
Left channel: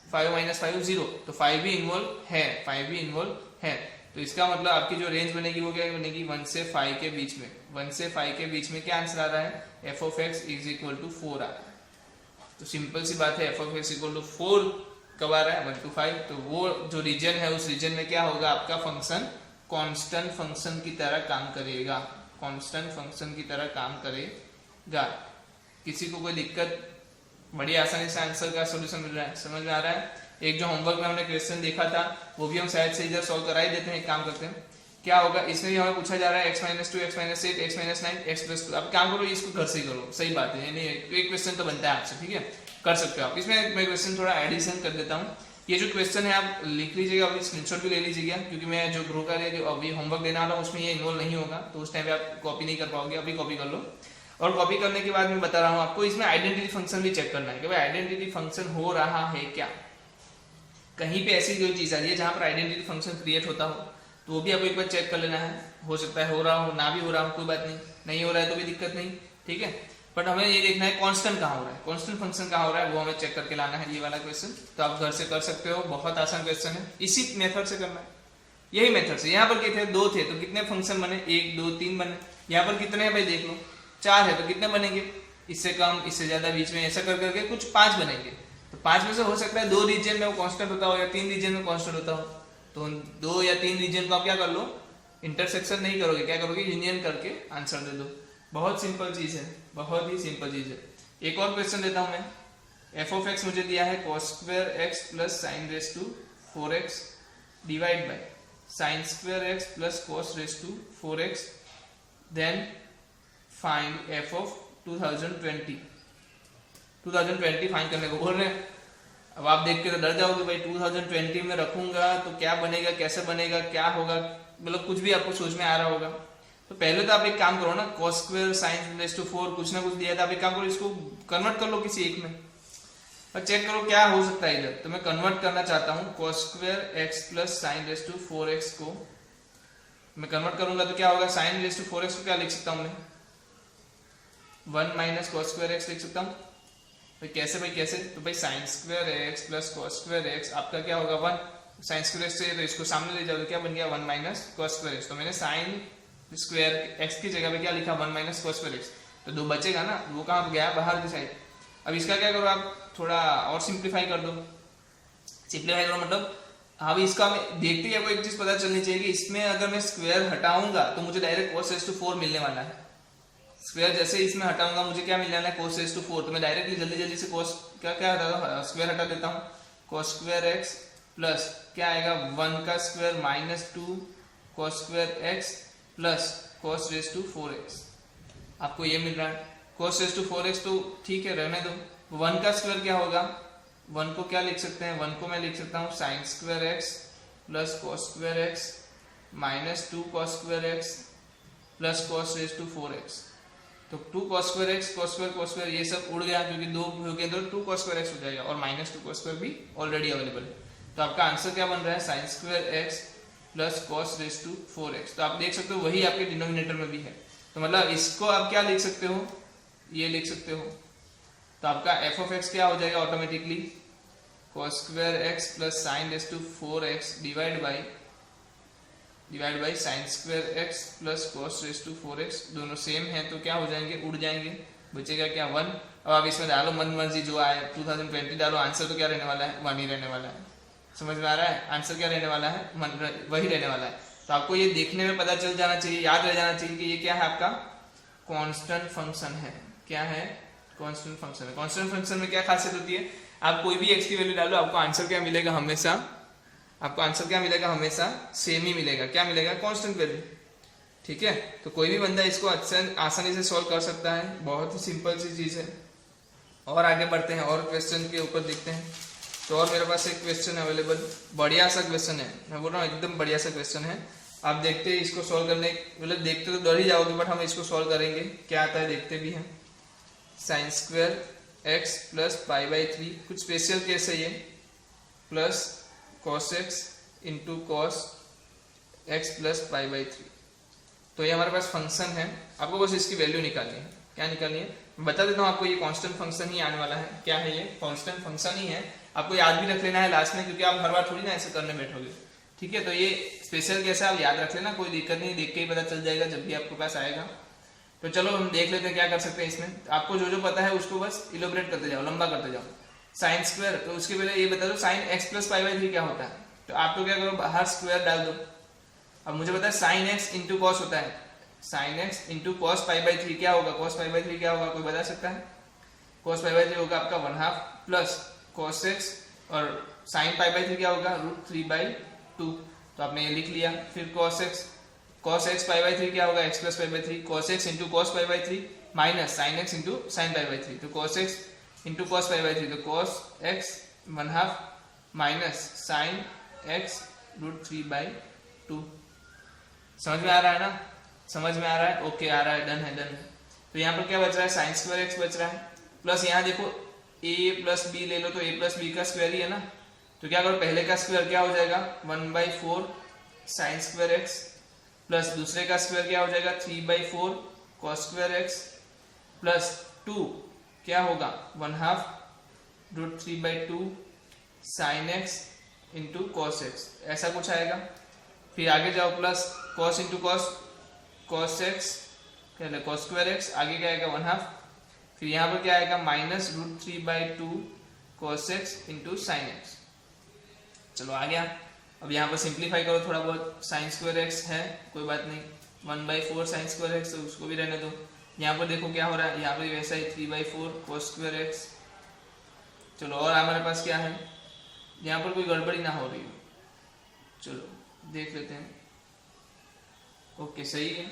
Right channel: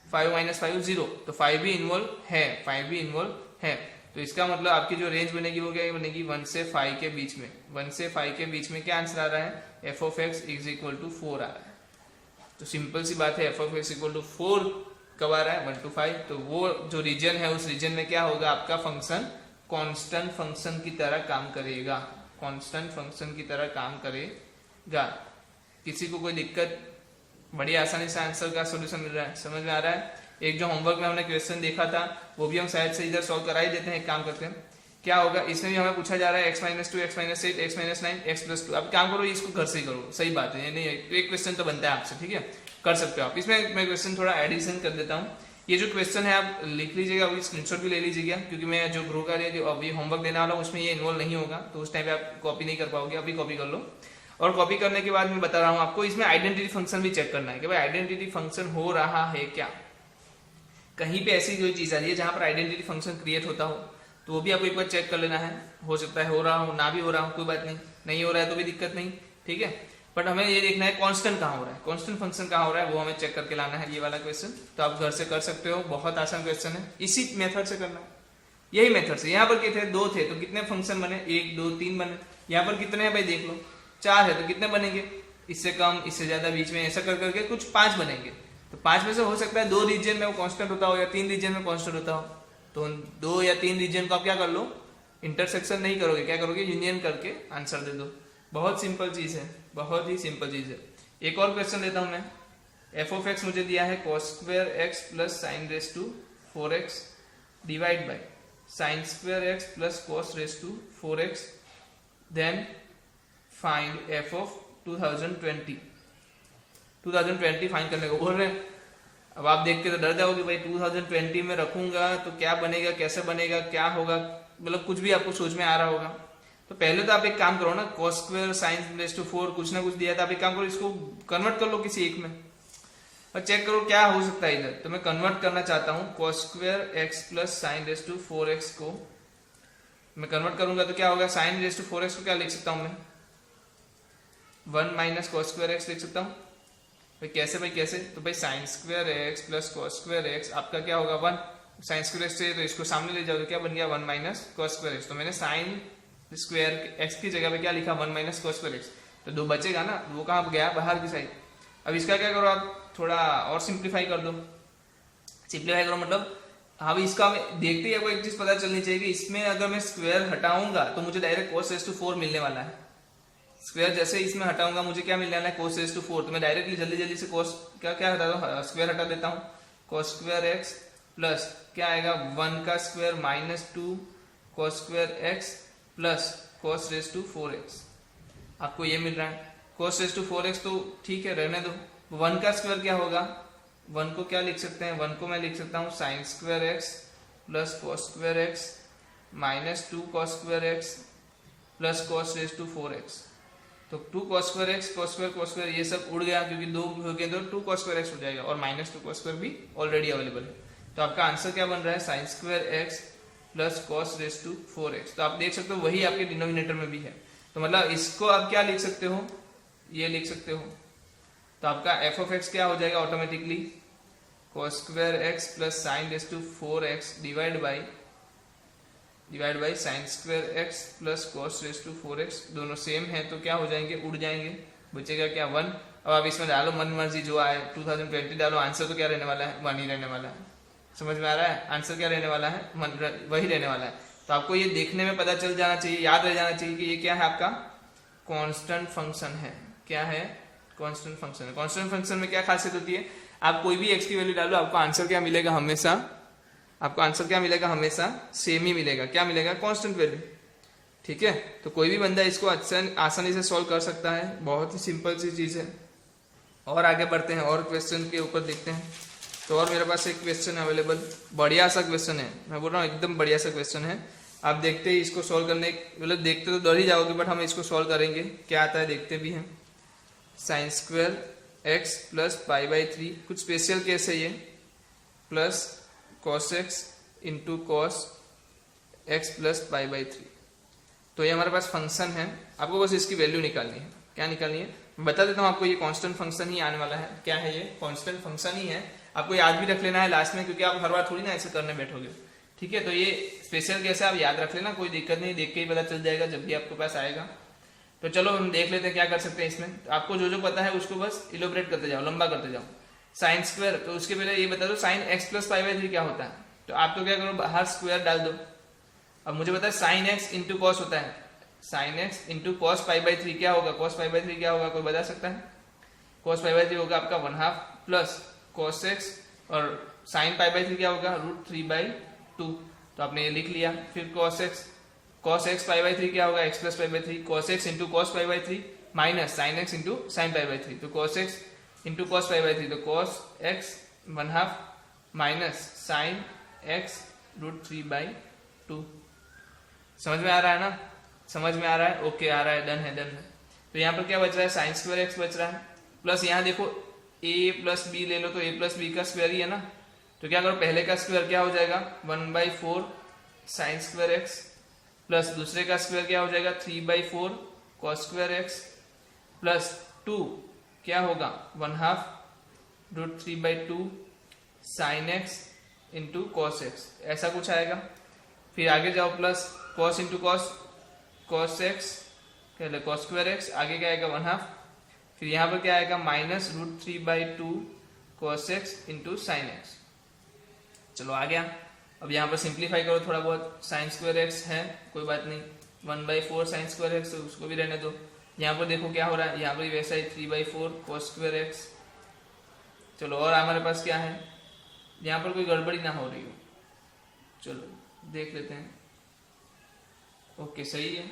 5 माइनस 5 0, तो 5 भी इन्वॉल्व है, 5 भी इन्वॉल्व है। तो इसका मतलब आपकी जो रेंज बनेगी वो क्या बनेगी 1 से 5 के बीच में, 1 से 5 के बीच में क्या आंसर आ रहा है f of x is equal to 4 आ रहा है। तो सिंपल सी बात है f of x equal to 4 कब आ रहा है 1 to 5, तो वो जो रीजन है उस रीजन में क्या होगा आपका फंक्शन कांस्टेंट फंक्शन की तरह काम करेगा, कांस्टेंट फंक्शन की तरह काम करेगा। किसी को कोई दिक्कत, बड़ी आसानी से आंसर का सॉल्यूशन मिल रहा है, समझ में आ रहा है। एक जो होमवर्क में हमने क्वेश्चन देखा था वो भी हम शायद से इधर सॉल्व करा ही देते हैं। एक काम करते हैं, क्या होगा इसमें भी हमें पूछा जा रहा है x minus 2 x minus 8 x minus 9 x plus 2, आप क्या करो इसको घर से ही करो, सही बात है, नहीं एक क्वेश्चन तो बनता है आपसे, ठीक है कर सकते हो आप। इसमें मैं क्वेश्चन थोड़ा एडिशन कर देता हूँ, ये जो क्वेश्चन है आप लिख लीजिएगा, अभी स्क्रीनशॉट भी ले लीजिएगा, क्योंकि मैं जो ग्रुप का अभी होमवर्क देने वाला हूँ उसमें ये इन्वॉल्व नहीं होगा, तो उस टाइम पे आप कॉपी नहीं कर पाओगे, अभी कॉपी कर लो। और कॉपी करने के बाद मैं बता रहा हूँ आपको इसमें आइडेंटिटी फंक्शन भी चेक करना है कि भाई आइडेंटिटी फंक्शन हो रहा है क्या, कहीं पे ऐसी जो चीज आ रही है जहां पर आइडेंटिटी फंक्शन क्रिएट होता हो तो वो भी आपको एक बार चेक कर लेना है। हो सकता है हो रहा हो, ना भी हो रहा हो, कोई बात नहीं, नहीं हो रहा है तो भी दिक्कत नहीं, ठीक है, बट हमें ये देखना है कांस्टेंट कहाँ हो रहा है, कांस्टेंट फंक्शन कहाँ हो रहा है वो हमें चेक करके लाना है। ये वाला क्वेश्चन तो आप घर से कर सकते हो, बहुत आसान क्वेश्चन है, इसी मेथड से करना है, यही मेथड से। यहाँ पर कितने 2 थे तो कितने फंक्शन बने 1 2 3 बने, यहाँ पर कितने हैं भाई देख लो 4 है तो कितने बनेंगे, इससे कम इससे ज्यादा बीच में ऐसा कर करके कुछ 5 बनेंगे। तो 5 में से हो सकता है 2 रीजन में वो कांस्टेंट होता हो या 3 रीजन में कांस्टेंट होता हो, तो 2 या 3 रीजन को आप क्या कर लो इंटरसेक्शन नहीं करोगे, क्या करोगे यूनियन करके आंसर दे दो। बहुत सिंपल चीज है, बहुत ही सिंपल चीज है। एक और क्वेश्चन देता हूं मैं, f of x मुझे दिया है cos square x plus sin raise to 4x divide by sin square x plus cos raise to 4x, then find f of 2020 find करने को बोल रहे हैं। अब आप देख के तो डर जाओगे भाई 2020 में रखूंगा तो क्या बनेगा, कैसे बनेगा, क्या होगा, मतलब कुछ भी आपको सोच में आ रहा होगा। तो पहले तो आप एक काम करो ना, cos square sin raise to 4 कुछ ना कुछ दिया था, आप एक काम करो इसको कन्वर्ट कर लो किसी एक में और चेक करो क्या हो सकता है इधर। तो मैं कन्वर्ट करना चाहता हूँ cos square x plus sin raise to 4x को मैं कन्वर्ट करूंगा तो क्या होगा, sin रेस टू 4x को क्या लिख सकता हूँ मैं 1 माइनस cos स्क्वायर x लिख सकता हूँ। भाई कैसे, तो भाई sin square x plus cos square x आपका क्या होगा 1, sin स्क्वायर से तो इसको सामने ले जाओगे क्या बन गया 1 माइनस cos स्क्वायर x। तो मैंने sin स्क्वायर x की जगह पे क्या लिखा 1 माइनस cos स्क्वायर x, तो 2 बचेगा ना, वो कहाँ गया बाहर की साइड। अब इसका क्या करो आप थोड़ा और सिंप्लीफाई कर दो, सिंप्लीफाई करो मतलब अब इसका देखते ही आपको एक चीज पता चलनी चाहिए कि इसमें अगर मैं स्क्वायर हटाऊंगा तो मुझे डायरेक्ट cos रेस टू 4 मिलने वाला है। स्क्वायर जैसे इसमें हटाऊंगा मुझे क्या मिलने वाला है cos रेस टू 4, तो मैं डायरेक्टली जल्दी से cos क्या हटाता हूँ स्क्वायर हटा देता हूँ, cos स्क्वायर x प्लस क्या आएगा 1 का square minus 2 cos square x plus cos raise to 4x, आपको ये मिल रहा है। cos रेस टू 4x तो ठीक है, रहने दो। 1 का स्क्वायर क्या होगा, 1 को क्या लिख सकते हैं, 1 को मैं लिख सकता हूँ sine square x plus cos square x minus 2 cos square x plus cos raise to 4x। तो 2 cos square x cos square ये सब उड़ गया, क्योंकि 2 हो गए तो 2 cos स्क्वायर एक्स हो जाएगा, और माइनस 2 cos स्क्वायर भी ऑलरेडी अवेलेबल है। तो आपका आंसर क्या बन रहा है, sine square x plus cos raise to 4x। तो आप देख सकते हो वही आपके डिनोमिनेटर में भी है, तो मतलब इसको आप क्या लिख सकते हो, ये लिख सकते हो। तो आपका एफ ऑफ एक्स क्या हो जाएगा automatically, cos square x plus sine raise to 4x divide by sine square x plus cos raise to 4x। दोनों सेम है तो क्या हो जाएंगे, उड़ जाएंगे, बचेगा क्या 1। अब आप इसमें डालो मन मर्जी जो आए, 2020 डालो, आंसर तो क्या रहने वाला है, 1 ही रहने वाला है। समझ में आ रहा है, आंसर क्या रहने वाला है, वही रहने वाला है। तो आपको ये देखने में पता चल जाना चाहिए, याद रह जाना चाहिए कि ये क्या है, आपका कांस्टेंट फंक्शन है। क्या है, कांस्टेंट फंक्शन है। कांस्टेंट फंक्शन में क्या खासियत होती है, आप कोई भी एक्स की वैल्यू डालो, आपको आंसर क्या मिलेगा, हमेशा आपको आंसर क्या मिलेगा, हमेशा सेम ही मिलेगा। क्या मिलेगा, कांस्टेंट वैल्यू। ठीक है, तो कोई भी बंदा इसको आसानी से सॉल्व कर सकता है, बहुत ही सिंपल सी चीज है। और आगे बढ़ते हैं और क्वेश्चन के ऊपर देखते हैं। तो और मेरे पास एक क्वेश्चन अवेलेबल, बढ़िया सा क्वेश्चन है, मैं बोल रहा हूँ एकदम बढ़िया सा क्वेश्चन है। आप देखते ही इसको सॉल्व करने, मतलब देखते तो डर ही जाओगे, बट हम इसको सॉल्व करेंगे, क्या आता है देखते भी हैं। Sign square x plus pi by 3, कुछ स्पेशल केस है ये, plus cos x into cos x plus pi by 3। तो ये हमारे पास फंक्शन है, आपको बस इसकी वैल्यू निकालनी है। क्या निकालनी है, बता देता हूँ आपको, ये कांस्टेंट फंक्शन ही आने वाला है। क्या है ये, कांस्टेंट फंक्शन ही है। आपको याद भी रख लेना है लास्ट में, क्योंकि आप हर बार थोड़ी ना ऐसे करने बैठोगे। ठीक है, तो ये स्पेशल केस है, आप याद रख लेना, कोई दिक्कत नहीं, देख के ही पता चल जाएगा जब भी आपके पास आएगा। तो चलो हम देख लेते हैं क्या कर सकते हैं इसमें। आपको जो जो पता है उसको बस इलोबरेट करते जाओ, लंबा करते जाओ। साइन स्क्वायर, तो उसके पहले ये बता दो sine x plus pi by 3 क्या होता है। तो आप तो क्या करो, बाहर स्क्वायर डाल दो। अब मुझे पता है साइन एक्स इंटू कॉस होता है, sine x into cos pi by 3 क्या होगा, कॉस पाई बाई 3 क्या होगा, कोई बता सकता है। कॉस पाई बाई 3 होगा आपका 1/2 प्लस कॉस एक्स, और साइन पाई बाई 3 क्या होगा, √3/2। तो आपने ये लिख लिया। फिर कॉस एक्स पाई बाई 3 क्या होगा, x plus pi by 3, cos x into cos pi by 3 minus sine x into sine pi by 3। तो cos x into cos pi by 3, तो cos x 1/2 minus sine x √3/2। समझ में आ रहा है ना, समझ में आ रहा है, ओके आ रहा है, डन है, डन है। तो यहाँ पर क्या बच रहा है, साइन स्क्वायर एक्स बच रहा है, प्लस यहाँ देखो a प्लस बी ले लो, तो a प्लस बी का स्क्वायर ही है ना। तो क्या करो, पहले का स्क्वायर क्या हो जाएगा, 1/4 साइन स्क्वायर एक्स, प्लस दूसरे का स्क्वायर क्या हो जाएगा, 3/4 कॉस स्क्वायर एक्स, प्लस 2 क्या होगा, 1/2 √3/2 sine x into cos x, ऐसा कुछ आएगा। फिर आगे जाओ, plus cos into cos x, क्या कॉस स्क्वायर एक्स, आगे क्या आएगा 1/2। फिर यहाँ पर क्या आएगा, minus √3/2 cos x into sine x. चलो आ गया। अब यहाँ पर सिंप्लीफाई करो थोड़ा बहुत, साइन स्क्वायर एक्स है, कोई बात नहीं, 1/4 साइन स्क्वायर एक्स, उसको भी रहने दो। यहाँ पर देखो क्या हो रहा है, यहाँ पर वैसा ही 3/4 कॉस स्क्वायर एक्स। चलो और हमारे पास क्या है, यहाँ पर कोई गड़बड़ी ना हो रही हो, चलो देख लेते हैं। ओके सही है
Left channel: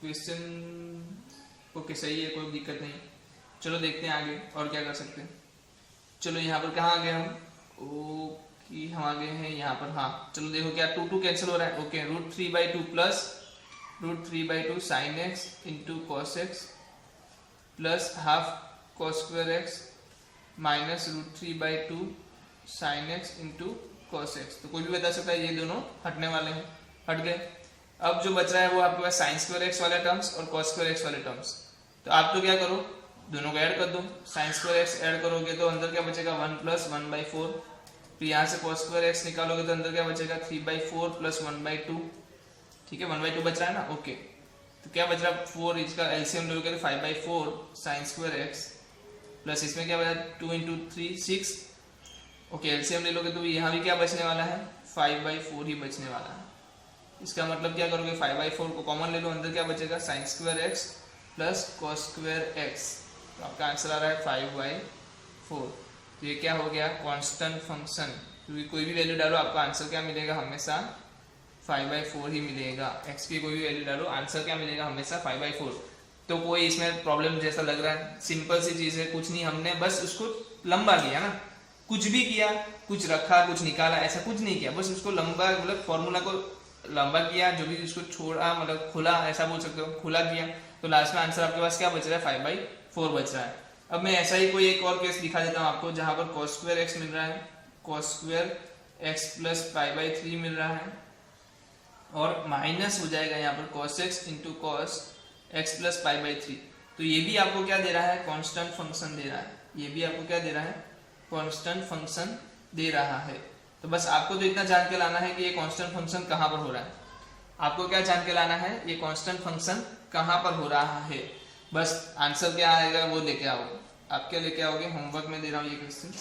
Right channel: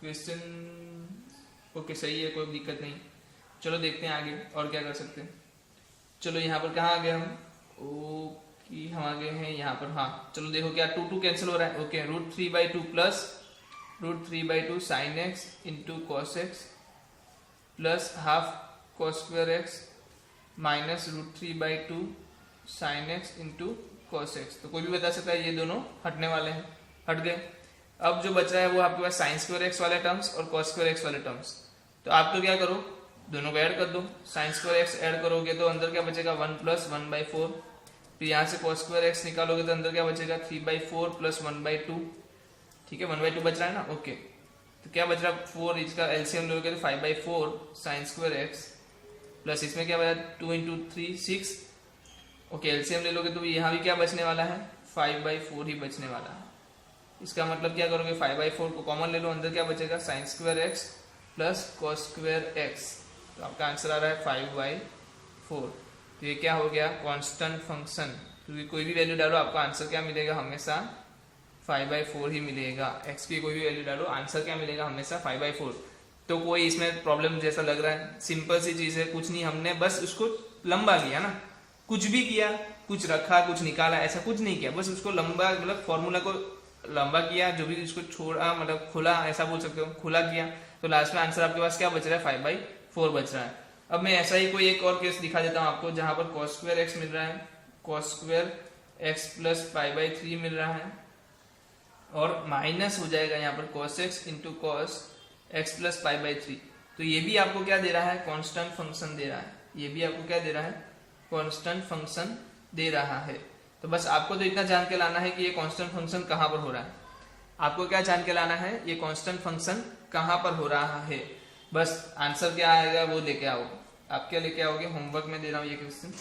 क्वेश्चन, ओके सही है, कोई दिक्कत नहीं। चलो देखते हैं आगे और क्या कर सकते हैं। चलो यहाँ पर कहाँ आ गए हम, ओके हम आ गए हैं यहाँ पर, हाँ चलो देखो क्या 2 कैंसिल हो रहा है। Okay √3/2 plus √3/2 sine x into cos x plus half cos square x minus √3/2 sine x into cos x. तो कोई भी बता सकता है, ये दोनों हटने वाले हैं, हट गए। अब जो बच रहा है वो आपके पास साइन स्क्वायर एक्स वाले टर्म्स और कॉस स्क्वायर एक्स वाले टर्म्स। तो आप तो क्या करो, दोनों को ऐड कर दो। साइन स्क्वायर एक्स ऐड करोगे तो अंदर क्या बचेगा, 1 प्लस 1/4। फिर यहाँ से कॉस स्क्वायर एक्स निकालोगे तो अंदर क्या बचेगा, 3/4 प्लस 1/2। ठीक है, 1/2 बच रहा है ना, ओके। तो क्या बच रहा है, 4, इसका एलसीएम लोगे तो 5/4 साइन स्क्वायर एक्स, प्लस इसमें क्या बचा 2 × 3 6। ओके एलसीएम ले लोगे तो यहाँ भी क्या बचने वाला है, 5/4 ही बचने वाला है। इसका मतलब क्या करोगे, 5/4 को कॉमन ले लो, अंदर क्या बचेगा, sign square x plus cos square x. तो आपका आंसर आ रहा है 5/4। तो ये क्या हो गया, कांस्टेंट फंक्शन, क्योंकि कोई भी वैल्यू डालो आपका आंसर क्या मिलेगा, हमेशा 5/4 ही मिलेगा। x की कोई भी वैल्यू डालो, आंसर क्या मिलेगा हमेशा 5/4। तो कोई इसमें प्रॉब्लम जैसा लग रहा है? सिंपल सी चीज है, कुछ नहीं, हमने बस उसको लंबा किया ना, कुछ भी किया, कुछ रखा कुछ निकाला, ऐसा कुछ नहीं किया, बस उसको लंबा मतलब फॉर्मूला को लंबा किया, जो भी उसको छोड़ा मतलब खुला, ऐसा बोल सकते हो, खुला किया, तो लास्ट में आंसर आपके पास क्या बच रहा है 5/4 बच रहा है। अब मैं ऐसा ही कोई एक और केस दिखा देता हूँ आपको, जहां पर cos² x मिल रहा है, cos² x प्लस π/3 मिल रहा है, और माइनस हो जाएगा यहाँ पर cos x into cos x plus π/3। तो ये भी आपको क्या दे रहा है, कांस्टेंट फंक्शन दे रहा है, ये भी आपको क्या दे रहा है, कांस्टेंट फंक्शन दे रहा है। तो बस आपको तो इतना जान के लाना है कि ये कांस्टेंट फंक्शन कहाँ पर हो रहा है, आपको क्या जान के लाना है, ये कांस्टेंट फंक्शन कहाँ पर हो रहा है, बस आंसर क्या आएगा वो लेके आओ। आप क्या लेके आओगे, होमवर्क में दे रहा हूँ ये क्वेश्चन,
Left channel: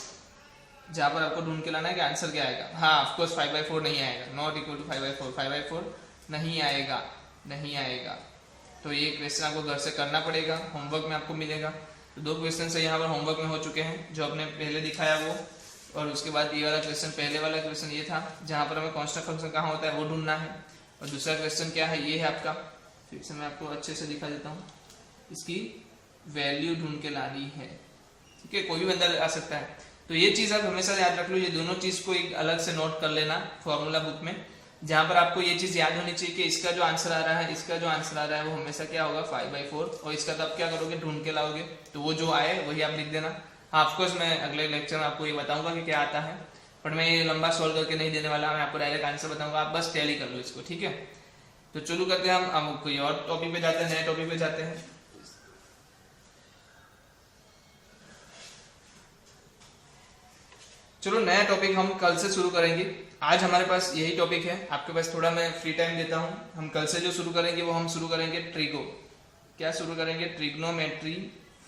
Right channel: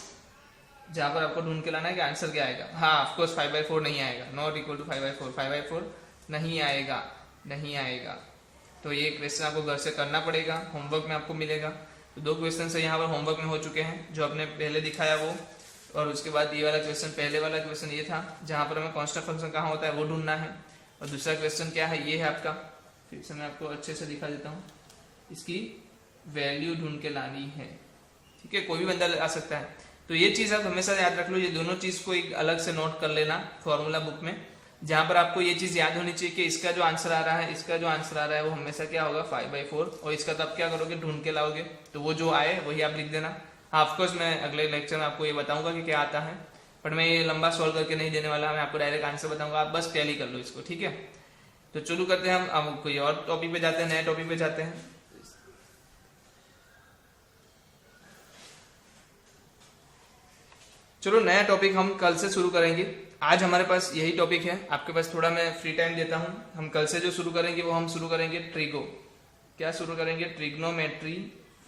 जहाँ पर आपको ढूंढ के लाना है कि आंसर क्या आएगा। हाँ ऑफकोर्स 5/4 नहीं आएगा, नॉट इक्वल टू 5/4, 5/4 नहीं आएगा, नहीं आएगा। तो ये क्वेश्चन आपको घर से करना पड़ेगा, होमवर्क में आपको मिलेगा। तो 2 क्वेश्चन से यहाँ पर होमवर्क में हो चुके हैं, जो आपने पहले दिखाया वो, और उसके बाद ये वाला क्वेश्चन, पहले वाला क्वेश्चन ये था जहाँ पर हमें कांस्टेंट फंक्शन कहाँ होता है वो ढूंढना है, और दूसरा क्वेश्चन क्या है, ये है आपका, फिर से मैं आपको अच्छे से दिखा देता हूँ, इसकी वैल्यू ढूंढ के लानी है। ठीक है, कोई भी बंदा आ सकता है। तो ये चीज़ आप हमेशा याद रख लो, ये दोनों चीज़ को एक अलग से नोट कर लेना फॉर्मूला बुक में, जहाँ पर आपको ये चीज़ याद होनी चाहिए कि इसका जो आंसर आ रहा है, इसका जो आंसर आ रहा है वो हमेशा क्या होगा 5/4, और इसका तो आप क्या करोगे, ढूंढ के लाओगे, तो वो जो आए वही आप लिख देना। हाँ ऑफकोर्स मैं अगले लेक्चर में आपको ये बताऊंगा कि क्या आता है, पर मैं ये लंबा सॉल्व करके नहीं देने वाला, मैं आपको डायरेक्ट आंसर बताऊंगा, आप बस टैली कर लो इसको। ठीक है, तो चलो करते हैं हम, अब कोई और टॉपिक पे जाते हैं, नए टॉपिक पे जाते हैं। चलो नया टॉपिक हम कल से शुरू करेंगे, आज हमारे पास यही टॉपिक है, आपके पास थोड़ा मैं फ्री टाइम देता हूँ। हम कल से जो शुरू करेंगे वो हम शुरू करेंगे ट्रिगो, क्या शुरू करेंगे, ट्रिग्नोमेट्री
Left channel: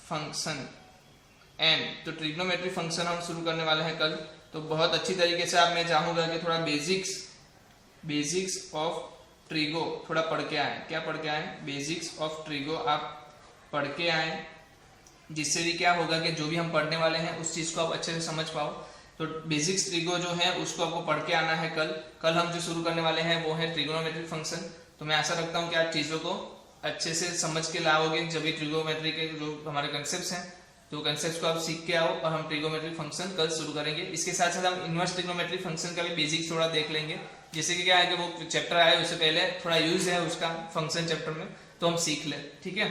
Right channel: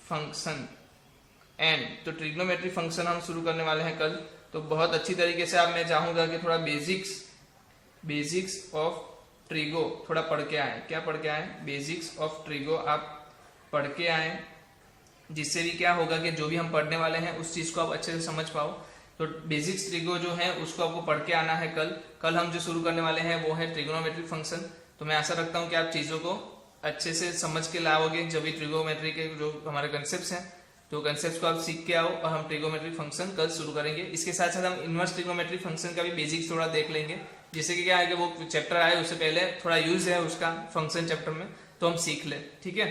फंक्शन एन। तो ट्रिग्नोमेट्री फंक्शन हम शुरू करने वाले हैं कल। तो बहुत अच्छी तरीके से आप, मैं चाहूंगा कि थोड़ा बेसिक्स ऑफ ट्रिगो थोड़ा पढ़ के आए। क्या पढ़ के आए, बेसिक्स ऑफ ट्रिगो आप पढ़ के आए, जिससे भी क्या होगा कि जो भी हम पढ़ने वाले हैं उस चीज़ को आप अच्छे से समझ पाओ। तो बेसिक्स ट्रिगो जो है उसको आपको पढ़ के आना है कल हम जो शुरू करने वाले हैं वो है ट्रिग्नोमेट्रिक फंक्शन। तो मैं आशा रखता हूँ कि आप चीज़ों को अच्छे से समझ के लाओगे, जब भी ट्रिग्नोमेट्री के जो हमारे कंसेप्ट हैं तो कंसेप्ट को आप सीख के आओ, और हम ट्रिग्नोमेट्रिक फंक्शन कल शुरू करेंगे। इसके साथ साथ हम इनवर्स ट्रिग्नोमेट्रिक फंक्शन का भी बेसिक्स थोड़ा देख लेंगे, जैसे कि क्या है कि वो चैप्टर आए उससे पहले थोड़ा यूज है उसका फंक्शन चैप्टर में, तो हम सीख लें। ठीक है,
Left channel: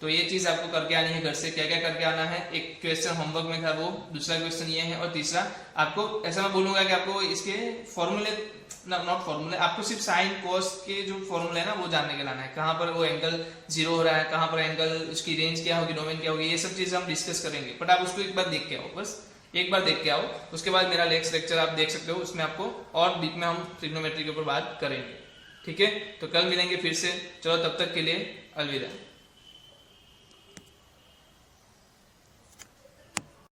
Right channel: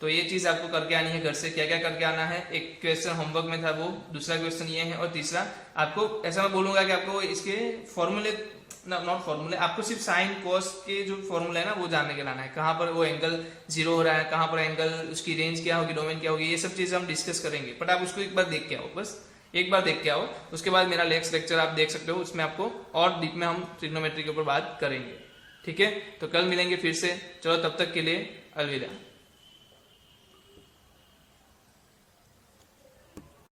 तो ये चीज़ आपको करके आनी है घर से। क्या क्या करके आना है, एक क्वेश्चन होमवर्क में था वो, दूसरा क्वेश्चन ये है, और तीसरा आपको ऐसा मैं बोलूँगा कि आपको इसके फॉर्मूले, नॉट फॉर्मूले, आपको सिर्फ साइन कॉस के जो फॉर्मूला है ना वो जानने के लाना है, कहाँ पर वो एंगल 0 हो रहा है, कहाँ पर एंगल, उसकी रेंज क्या होगी, डोमेन क्या होगी, ये सब चीज़ हम डिस्कस करेंगे। बट आप उसको एक बार देख के आओ, बस एक बार देख के आओ, उसके बाद मेरा नेक्स्ट लेक्चर आप देख सकते हो, उसमें आपको और डीप में हम ट्रिग्नोमेट्री के ऊपर बात करेंगे। ठीक है, तो कल मिलेंगे फिर से, चलो तब तक के लिए अलविदा।